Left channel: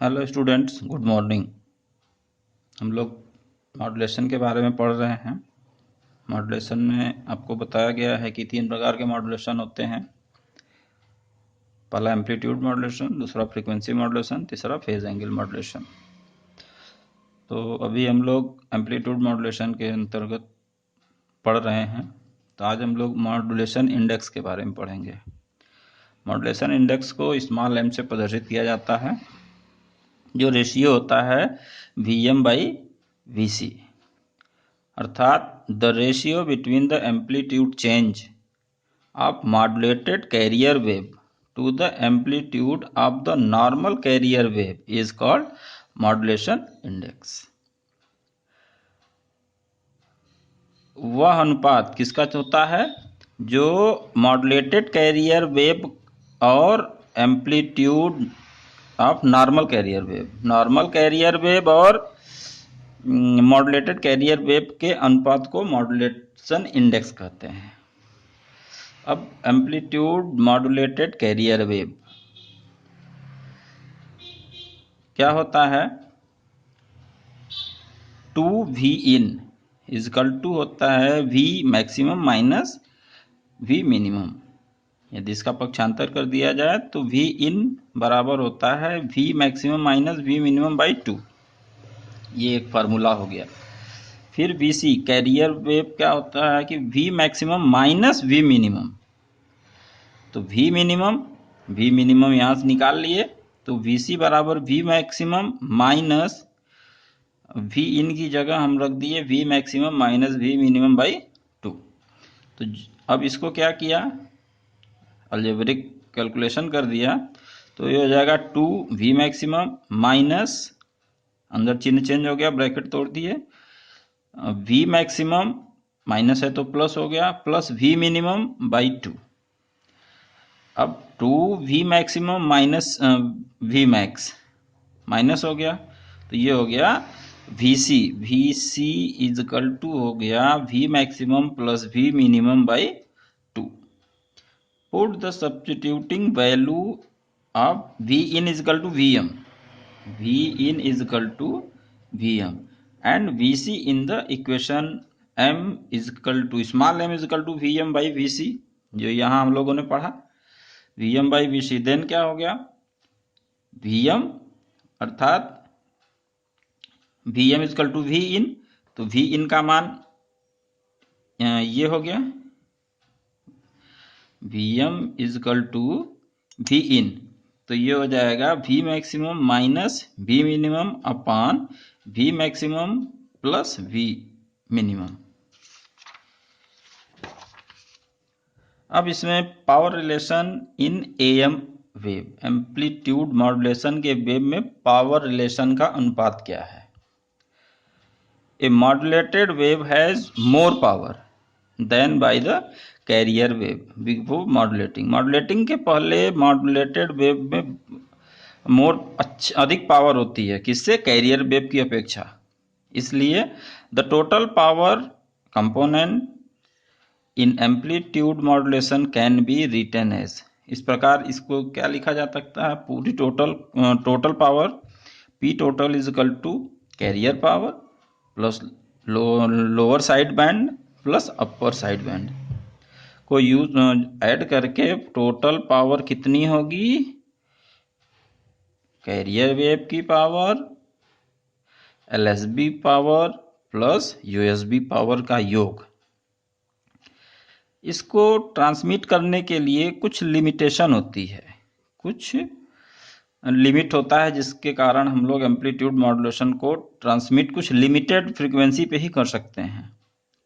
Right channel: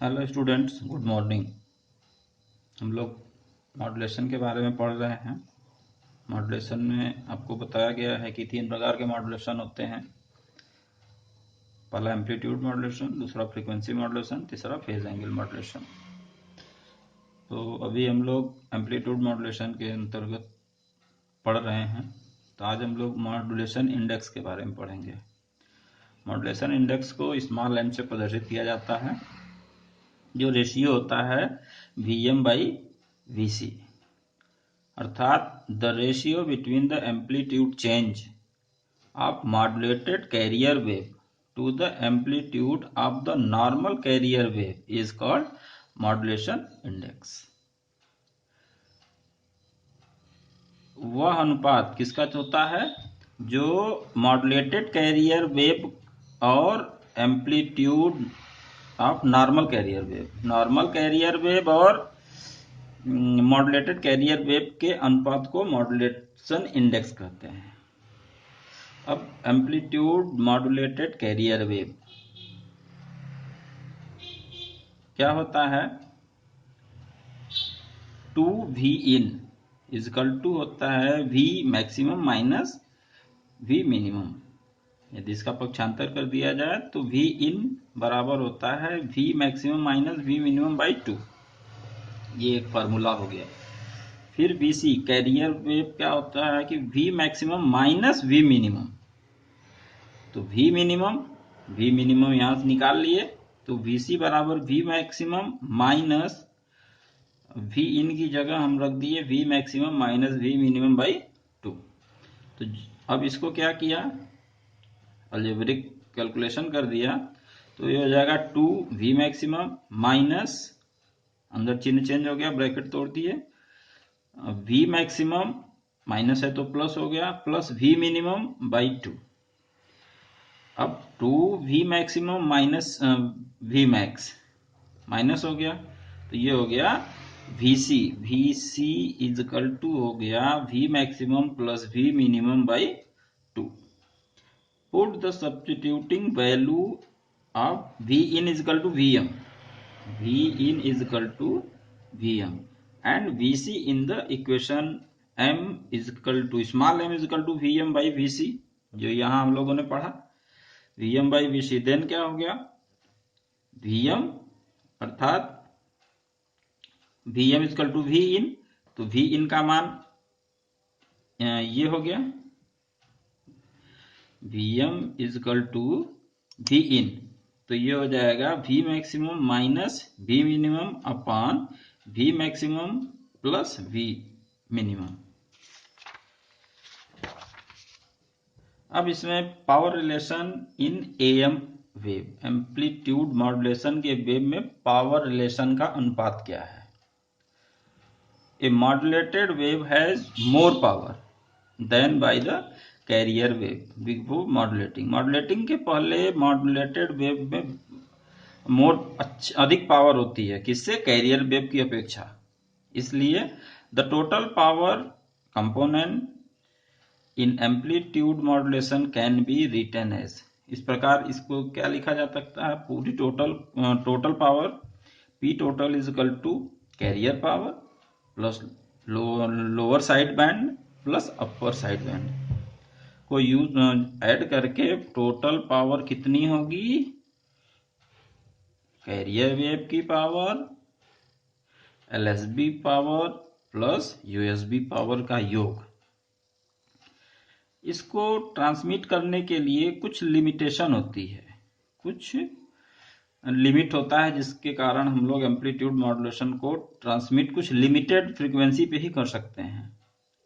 Hello students, good morning. हम लोग modulation के बारे में पढ़ रहे हैं। मॉड्यूलेशन में आपको बताया गया है कि 3 प्रकार के मॉड्यूलेशन होते हैं। पहला एम्पलीट्यूड मॉड्यूलेशन, दूसरा फ्रीक्वेंसी मॉड्यूलेशन, तीसरा फेज एंगल मॉड्यूलेशन। तो अभी हम लोग एम्पलीट्यूड मॉड्यूलेशन के अंतर्गत पढ़ रहे हैं। तो आज हम लोग मॉड्यूलेशन इंडेक्स के बारे में पढ़ेंगे। मॉड्यूलेशन इंडेक्स को स्मॉल m से प्रदर्शित किया जाता है, जो रेशियो होता है Vm/Vc, अर्थात the ratio between the amplitude change of modulated carrier wave to the amplitude of the normal carrier wave is called modulation index. वह अनुपात किसका होता है जो मॉड्यूलेटेड कैरियर वेव और amplitude of normal carrier wave और modulated carrier wave के अनुपात को मॉड्यूलेशन इंडेक्स कहते हैं। अब एम्पलीट्यूड मॉड्यूलेटेड कैरियर वेव क्या होता है? 2V इन इजकल टू होता है V maximum minus V minimum. यदि इसका पक्षांतर कर दिया जाए तो V इन बराबर होता है V maximum minus V minimum by 2। ये एक फार्मूला हो गया। फिर VC कैरियर वेव क्या होता है कि V maximum minus V minimum. तो V मिनिमम यहाँ से निकाल लिए, तो VC बराबर V मैक्सिमम माइनस V इन की जगह हम रख दिए V maximum minus V minimum by 2। तो अब इसको क्या किया, अलजेब्रिक कैलकुलेशन कर दिया, तो ये हो जाएगा 2V मैक्सिमम माइनस, अंदर चिन्ह चेंज हो गया, ब्रैकेट तोड़ दिए, V मैक्सिमम माइनस है तो प्लस हो गया, प्लस V मिनिमम बाई 2। अब 2V maximum minus V max minus हो गया, तो ये हो गया VC इजकल टू हो गया V maximum plus V minimum by 2। Put the substituting value of V in equal to Vm and VC in the equation m equal to small m equal to Vm by VC, जो यहाँ हम लोगों ने पढ़ा। Vm by VC then क्या हो गया, Vm अर्थात Vm इजकल टू V इन, तो V इन का मान ये हो गया, Vm इजकल टू V इन, तो ये हो जाएगा V maximum minus V minimum upon V maximum plus V minimum. अब इसमें power relation in AM wave, amplitude modulation के वेव में पावर रिलेशन का अनुपात क्या है? A modulated wave has more power than by the carrier wave before modulating। Modulating के पहले मॉड्यूलेटेड वेव में अधिक पावर होती है, किससे? कैरियर वेव की अपेक्षा। इसलिए the total power component in amplitude modulation can be written as, इस प्रकार इसको क्या लिखा जा सकता है, पूरी total power P total is equal to carrier power plus lower side band plus upper side band को ऐड करके टोटल पावर कितनी होगी? कैरियर वेव की power, LSB power plus USB power का योग। इसको ट्रांसमिट करने के लिए कुछ लिमिटेशन होती है, कुछ लिमिट होता है, जिसके कारण हम लोग एम्पलीट्यूड मॉड्यूलेशन को ट्रांसमिट कुछ लिमिटेड फ्रीक्वेंसी पे ही कर सकते हैं।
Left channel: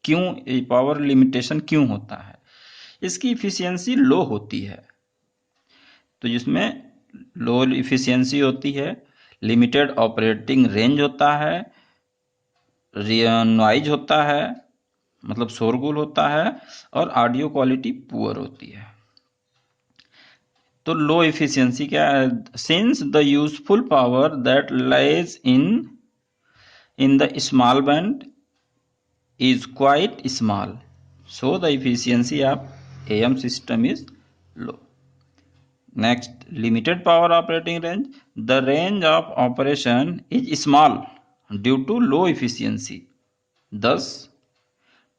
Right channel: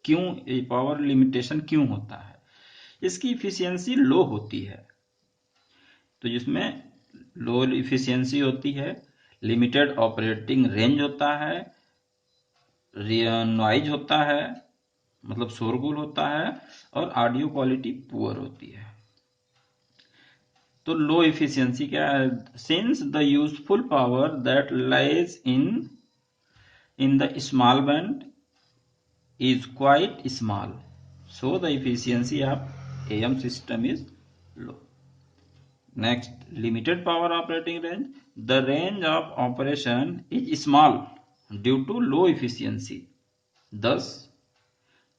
क्यों ये पावर लिमिटेशन क्यों होता है? इसकी इफिशियंसी लो होती है, तो जिसमें लो इफिशियंसी होती है, लिमिटेड ऑपरेटिंग रेंज होता है, नॉइज होता है, मतलब शोरगुल होता है, और ऑडियो क्वालिटी पुअर होती है। तो लो इफिशियंसी क्या है? Since the useful power that lies in the small band is quite small, so the efficiency of AM system is low। Next, limited power operating range. The range of operation is small due to low efficiency. Thus,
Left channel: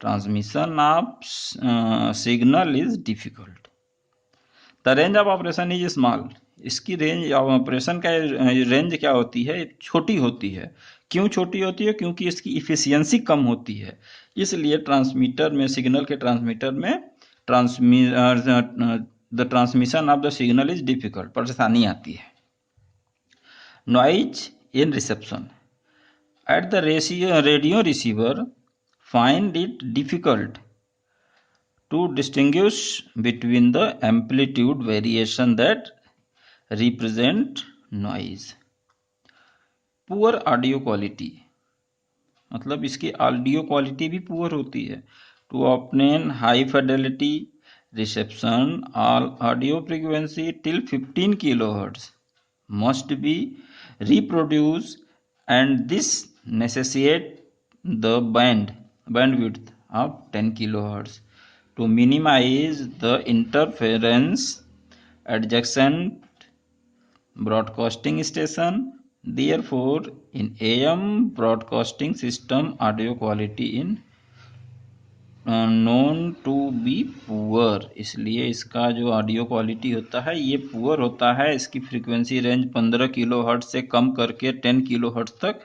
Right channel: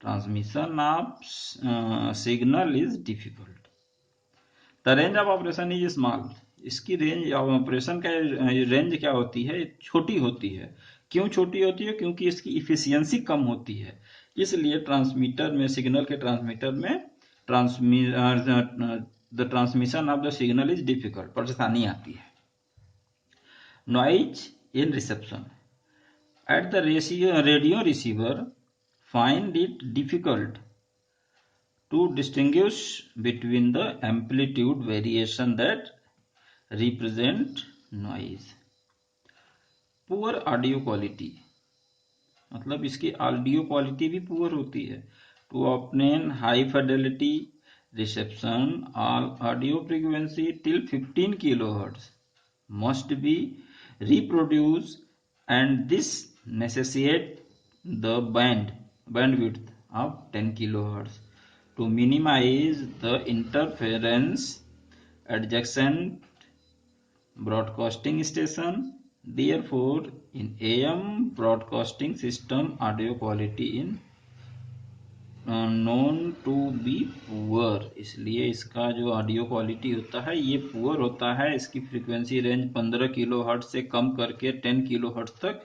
transmission of signal is difficult. The range of operation is small. इसकी range of operation का range क्या होती है, छोटी होती है। क्यों छोटी होती है? क्योंकि इसकी इफिशियंसी कम होती है, इसलिए ट्रांसमीटर में, सिग्नल के ट्रांसमीटर में the transmission of the signal is difficult, परेशानी आती है। Noise in reception at the radio receiver find it difficult to distinguish between the amplitude variation that represent noise. Poor audio quality, मतलब इसकी audio quality भी poor होती है। To obtain high fidelity reception all audio frequency till 15 kilohertz must be reproduced, and this necessitates the bandwidth of 10 kilohertz to minimize the interference adjacent broadcasting station. Therefore, in AM broadcasting system, audio quality in known to be poor, इसलिए इसका जो audio quality होता है ये poor होता है। इसकी frequency range 15 kilohertz से कम करके 10 किलोहर्ट्ज तक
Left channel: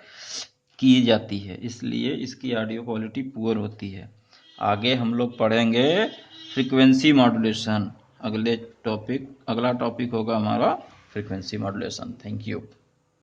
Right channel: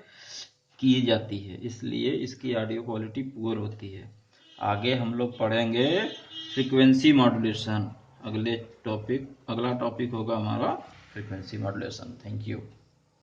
की जाती है, इसलिए इसकी ऑडियो क्वालिटी पुअर होती है। आगे हम लोग पढ़ेंगे फ्रीक्वेंसी मॉड्यूलेशन। अगला टॉपिक होगा हमारा फ्रीक्वेंसी मॉड्यूलेशन। Thank you.